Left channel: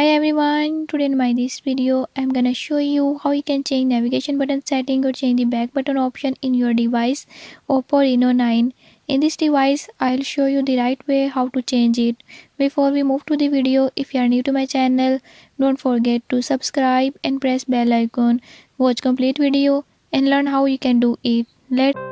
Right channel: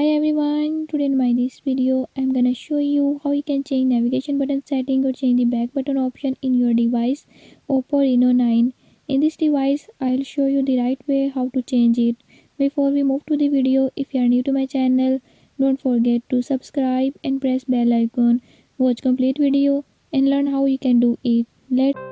Hi everyone, today in my this video I'm gonna show you how you can change navigation button setting or change the back button option in your device Oppo Reno 9. In this device I'll show you the right way how to change it. Before we move to the video, if you are new to my channel, don't forget to subscribe and press bell icon. Watch complete video and learn how you can do it. Let's